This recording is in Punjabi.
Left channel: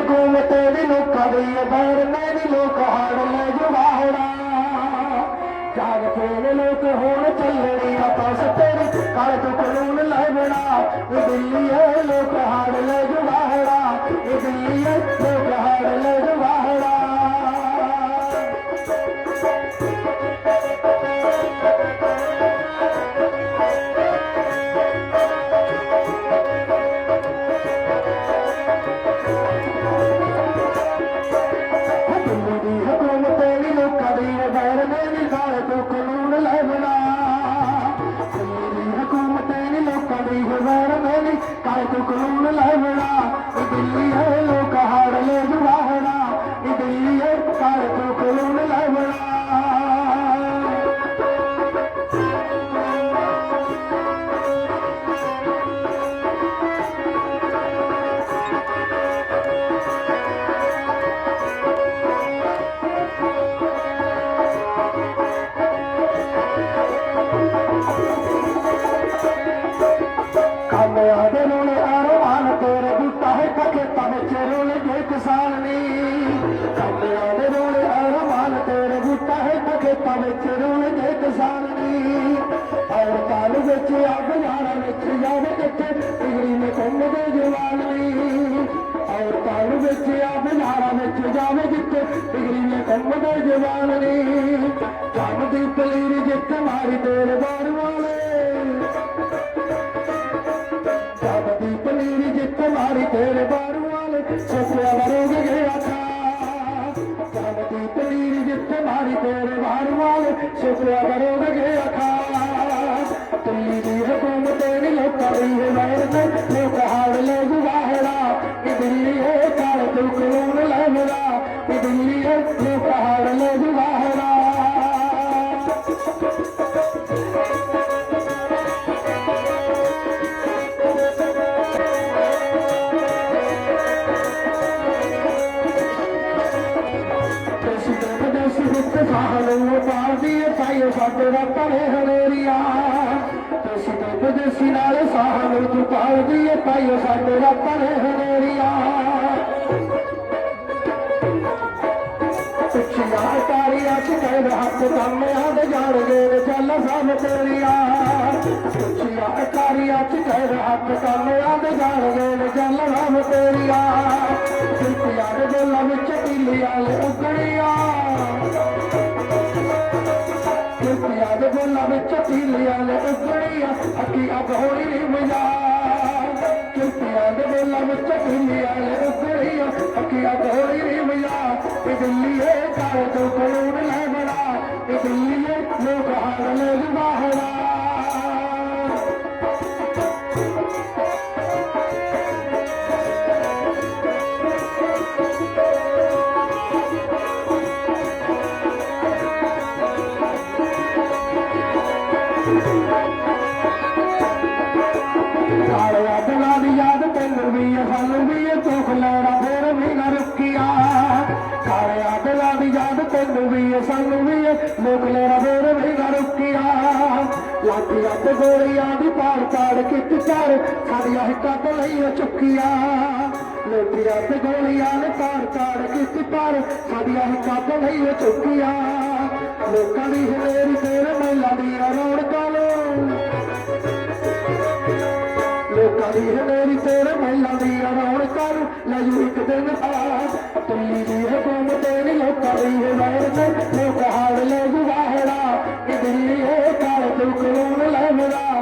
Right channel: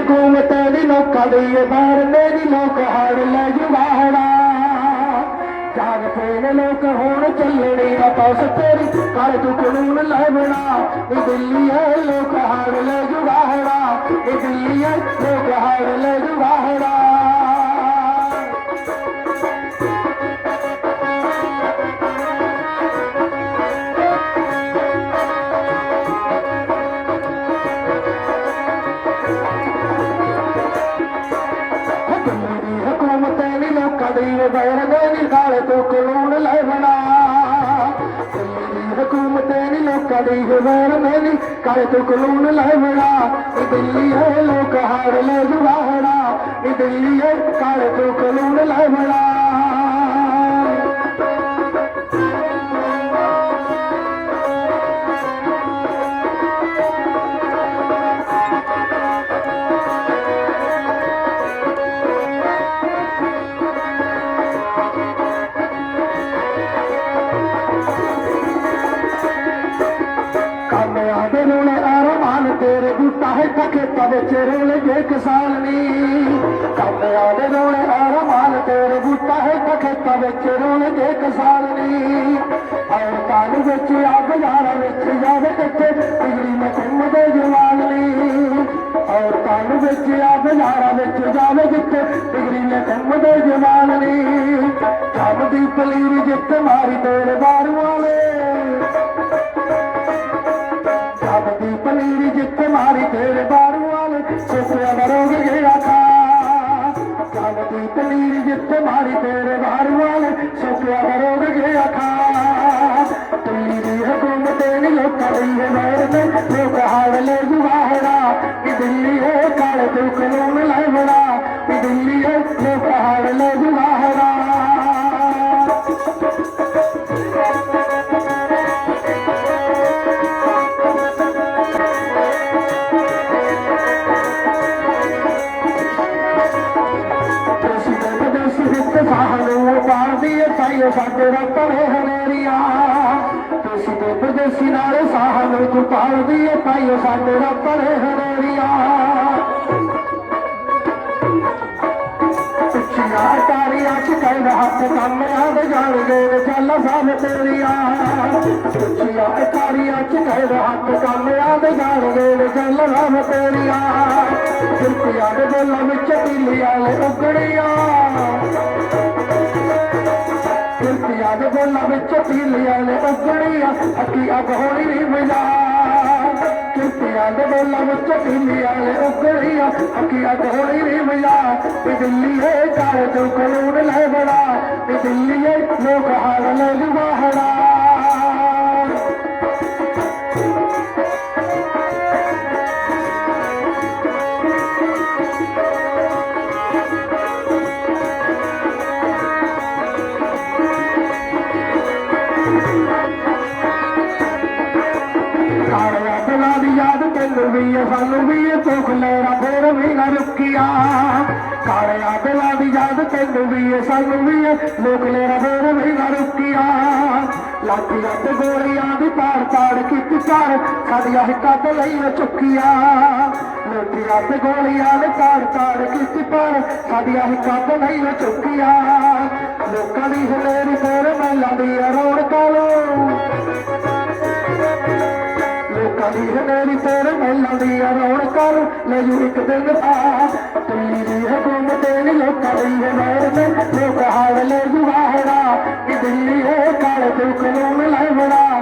ਹਕੂਮਤ ਦੀ ਲੋਕਾਂ ਦੀ ਇਹ ਬਾਹਰ ਦੀ ਲੋਕ ਹਾੜ ਲੈ ਜੁਗਾੜਾ ਜਾਗ ਫੇਰ ਲੋਕ ਹੋਣ ਚੱਲਣੀ ਨਾ ਪਾਸ ਤੇਰੀ ਕਰ ਤੂੰ ਕਾਨੂੰਨ ਲੈਵਣਾ ਇਹ ਦਿੱਲੀ ਲੋਕ ਹਾੜ ਲੈ ਜੁਗਾੜਾ ਇਹ ਦਿੱਲੀ ਲੋਕ ਹਾੜ ਲੈ ਲੋਕਾਂ ਦੀ ਤੋਂ ਕਾਨੂੰਨ ਲੈਵਣਾ ਹਕੂਮਤ ਨੇ ਲੋਕਾਂ ਦੀ ਬੈਰ ਨੇ ਨੀ ਤੋਂ ਕਾਨੂੰਨ ਲੈਵਣਾ ਇਹ ਦਿੱਲੀ ਹੈ, ਲੋਕ ਹਾੜ ਲੈ ਜਵਾਹਣਾ ਦਿੱਲੀ ਹੈ ਗਾਲ ਤੋਂ ਕਾਨੂੰਨ ਲੈਵਣਾ ਕਾਮਯਾਬ ਰੋਣੇ ਆਰਮਾਨ ਤੇਰੇ ਬੂਟਾ ਹੈ ਖੇਤਾਂ ਵਿੱਚ ਰੋਲੇ ਜੇ ਕਿਸਾਨ ਨੀ। ਕਾਮਯਾਬ ਰੋਣੇ ਆਰਮਾਨ ਤੇਰੇ ਬੂਟਾ ਹੈ ਖੇਤਾਂ ਵਿੱਚ ਰੋਲੇ ਜੇ ਔਰ ਕਾਲ ਵਿੱਚ ਅੱਗ ਯਾਰਾਂ ਵਿੱਚ ਜਾਵੇ ਕਿੱਥੇ ਬਿਜਲੀ ਨੇ ਘੁੰਮਦੇ ਜਵਾਨ ਨੀ। ਔਰ ਕਾਲ ਵਿੱਚ ਅੱਗ ਯਾਰਾਂ ਵਿੱਚ ਜਾਵੇ ਜਿੱਥੇ ਬਿਜਲੀ ਨੇ ਘੁੰਮਦੇ ਜਵਾਨ ਨੀ। ਜਦ ਦੀ ਪਲੀਰ ਜਿੱਤ ਮਾਰੀ ਤੇਰੇ ਬਾਰ ਵਾਲੇ। ਦੀ ਪਨੀਰੀ ਜਿੱਥੇ ਮਾਰੀ ਤੇਰੇ ਬਾਰੂ ਵਾਲੇ ਸੋਚਿਆ ਮਰੋਗ ਗਿਆ ਥਾ ਜਦ ਦੀ ਪਨੀਰੀ ਜਿੱਤ ਮਾਰੀ ਤੇਰੇ ਬਾਰੂ ਵਾਲੇ ਸੋਚਿਆ ਮਰੋਗ ਗਿਆ ਥਾ ਤੇਰੀ ਹਕੂਮਤ ਨੇ ਲੋਕਾਂ ਦੀ ਹੈ ਮੈਰ ਨੇ ਲੋਕ ਸਾਨੂੰ ਪਾਰਦੀ ਸਾਡੇ ਸਾਡੇ ਰੱਤਣੇ ਹਨੇਰੀਆਂ। ਤੁਸੀਂ ਤੇ ਵਿਦੇਸੀ ਨਾਲ ਸਾਨੂੰ ਤੂੰ ਪਾਰਦੀ ਪਾਈਓ ਸਾਡੇ ਰੱਤਣੇ ਹਨੇਰੀਆਂ। ਪਿੱਛੀਆਂ ਤਾਰੀਆਂ ਚ ਕਹਿ ਹੱਥ ਕੰਮ ਆਦ ਜਾਣ ਦੇ ਚੱਲ ਸਾਹ ਤੇਰੀਆਂ। ਪਿੱਛੀਆਂ ਤਾਰੀਆਂ ਚ ਕਹਿ ਹੱਥ ਕੰਮ ਆਦ ਜਾਣ ਦੇ ਚੱਲ ਰਾਹ ਤੇਰੀਆਂ। ਕਿਰਤੀਆਂ ਦੇ ਦਿਲਾਂ ਵਿੱਚ ਪੀਲੀਆਂ ਲੈ ਉਗੜੀਆਂ ਕਿਰਤੀਆਂ ਦੇ ਦਿਲਾਂ ਵਿੱਚ ਪੀਲੀਆਂ ਲੈ ਉਗੜੀਆਂ ਅੱਕੀ ਅੱਗ ਹੋਣੀ ਨਹੀਂ ਮਿਲਾ। ਕਿਰਤੀਆਂ ਦੇ ਦਿਲਾਂ ਵਿੱਚ ਪੀਲੀਆਂ ਲੈ ਉਗੜੀਆਂ ਅੱਕੀ ਅੱਗ ਹੋਣੀ ਨਹੀਂ ਮਿਲਾ। ਇਹ ਦਿੱਲੀ ਹੈ ਕਾਲੇ ਤੋਂ ਕਾਨੂੰਨ ਵੀ ਆ, ਸਾਨੂੰ ਵੀ ਇਹ ਭੁੱਖ ਲੈਣਾ ਫੇਰ ਵੀ ਨਾ ਰੁਕੀਆ ਕਾਲਿਆ ਦਿਲਾਂ ਦੀ ਯਾਦ ਤੈਨੂੰ ਵੀ ਆ, ਸਾਨੂੰ ਵੀ ਇਹ ਲੈਣਾ ਫੇਰ ਵੀ ਨਾ ਰੁਕੀਆ ਲਾਠੀਆਂ ਤੇ ਗੋਲੀਆਂ ਦੀ ਪਾੜ ਪਾੜ ਕਿੱਕ ਚਾਰ ਸਾਡੀਆਂ ਹਿੱਕਾਂ ਤੇ ਲਈ ਉਹ ਚੁੱਕੀਆਂ। ਲੋਟੀਆਂ ਤੇ ਗੋਲੀਆਂ ਨੇ ਤਾੜ ਤਾੜ ਕੀਤੀ ਪਾਰ ਸਾਡੀਆਂ ਹਿੱਕਾਂ ਤੇ ਲਈ ਉਹ ਚੁੱਕੀਆਂ। ਲੋਕਾਂ ਦੀ ਹਲੇਰੀ ਫੇਰ ਮਹਿਲਾਂ ਦੀ ਰੌਣਕਾਂ ਨੂੰ ਲੋਕਾਂ ਦੀ ਹਨੇਰੀ ਤੇਰੇ ਲੈ ਜੂ ਇੱਕ ਦਿਨ ਆ ਦਿੱਲੀ ਦੀ ਹਕੂਮਤ ਨੇ ਲੋਕਾਂ ਦੀ ਹਮਾਇਤ ਨੇ ਲੋਕ ਹਾਲ ਲੈ ਜੁਵਾਹਰਾ ਕਿ ਹੈ ਕਾਲੇ ਤੂੰ ਕਾਨੂੰਨ ਲੈ ਬੜਾ